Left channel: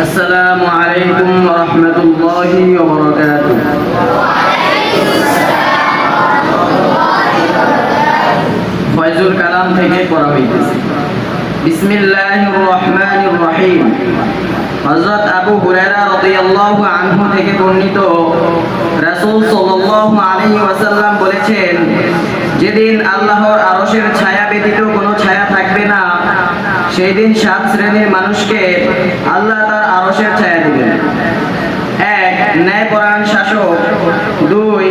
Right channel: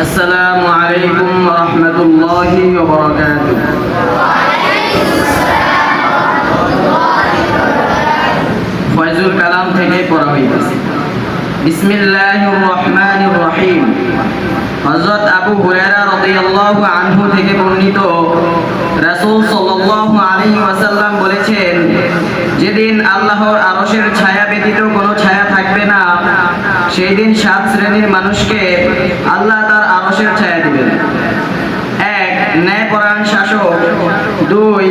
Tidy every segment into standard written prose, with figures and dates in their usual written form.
আসসালামু আলাইকুম ওয়া রাহমাতুল্লাহি ওয়া বারাকাতুহু। ফয়জুল কালাম থেকে পড়া হইতেছে। বিসমিল্লাহির রহমানির রহিম। হযরত আবু হুরায়রা রাদিয়াল্লাহু আনহু থেকে বর্ণিত, রাসূল সাল্লাল্লাহু আলাইহি ওয়াসাল্লাম বলেছেন, যেদিন আল্লাহর আরশের ছায়া ব্যতীত কোনো ছায়া থাকবে না, সেই দিন 7 শ্রেণীর মানুষকে আল্লাহ তার আরশের ছায়া দিবেন। 1. ন্যায়পরায়ণ শাসক। 2.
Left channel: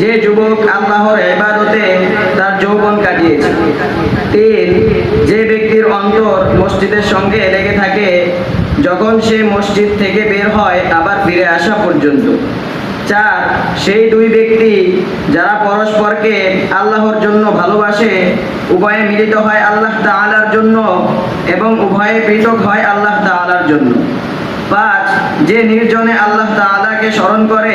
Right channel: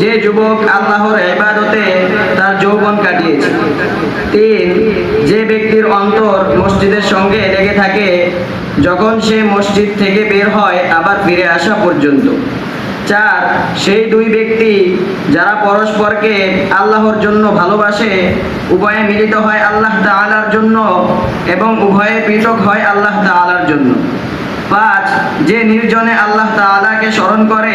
যে যুবক আল্লাহর ইবাদতে তার যৌবন কাটিয়েছে। 3. যে ব্যক্তির অন্তর মসজিদের সঙ্গে লেগে থাকে, যখন সে মসজিদ থেকে বের হয় আবার ফিরে আসা পর্যন্ত। 4. সেই 2 ব্যক্তি যারা পরস্পরকে আল্লাহর জন্য ভালোবাসে, উভয়ে মিলিত হয় আল্লাহ তাআলার জন্য এবং উভয়ে পৃথক হয় আল্লাহ তাআলার জন্য। 5. যে নির্জনে আল্লাহ তাআলাকে স্মরণ করে,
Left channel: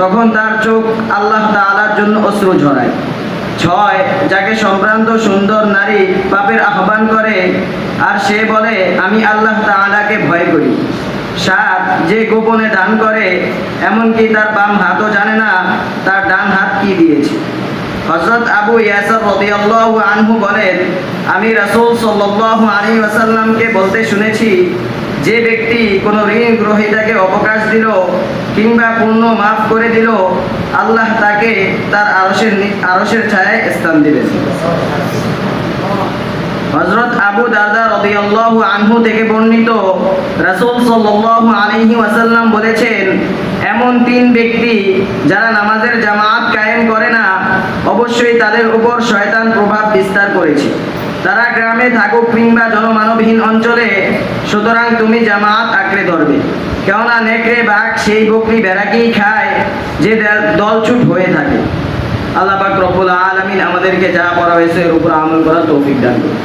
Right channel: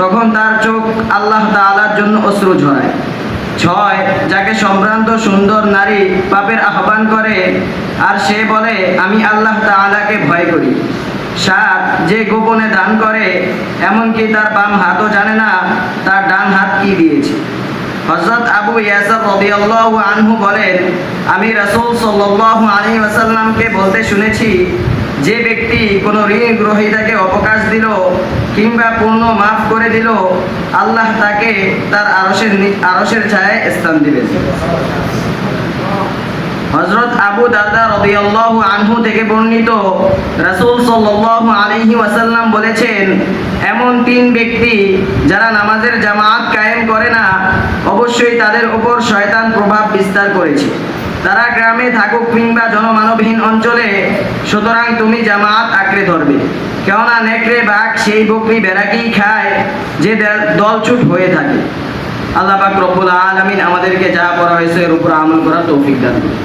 তখন তার চোখ আল্লাহ তাআলার জন্য অশ্রু ঝরায়। 6. যাকে সম্ভ্রান্ত সুন্দর নারী পাপের আহ্বান করে আর সে বলে, আমি আল্লাহ তাআলাকে ভয় করি। 7. যে গোপনে দান করে, এমনকি তার বাম হাতও জানে না তার ডান হাত কি দিয়েছে। হযরত আবু ইয়াসার রাদিয়াল্লাহু আনহু বলেন, আমি রাসূল সাল্লাল্লাহু আলাইহি ওয়াসাল্লামকে বলতে শুনেছি, যে ব্যক্তি কোনো ঋণ গ্রহীতাকে অবকাশ দিল কিংবা পূর্ণ মাফ করে দিল, আল্লাহ তাকে তার আরশের ছায়ায় স্থান দিবেন। হযরত আবু দারদা রাদিয়াল্লাহু আনহু থেকে বর্ণিত, রাসূল সাল্লাল্লাহু আলাইহি ওয়াসাল্লাম বলেছেন, এমন 3 ব্যক্তি যারা নামাজের জামাত কায়েম করে না, অবশ্যই তাদের উপর শয়তান প্রভাব বিস্তার করেছে। তারা গ্রামে থাকুক কিংবা জনমানবহীন অঞ্চলে, সুতরাং তুমি জামাত আঁকড়ে ধরবে। কেননা নেকড়ে বাঘ সেই বকরি ভেড়াকেই খায় যে দলছুট হয়ে থাকে। আল্লাহ পাক রব্বুল আলামিন আমাদেরকে যা করা হয়েছে এর উপর আমল করার তৌফিক দান করুন।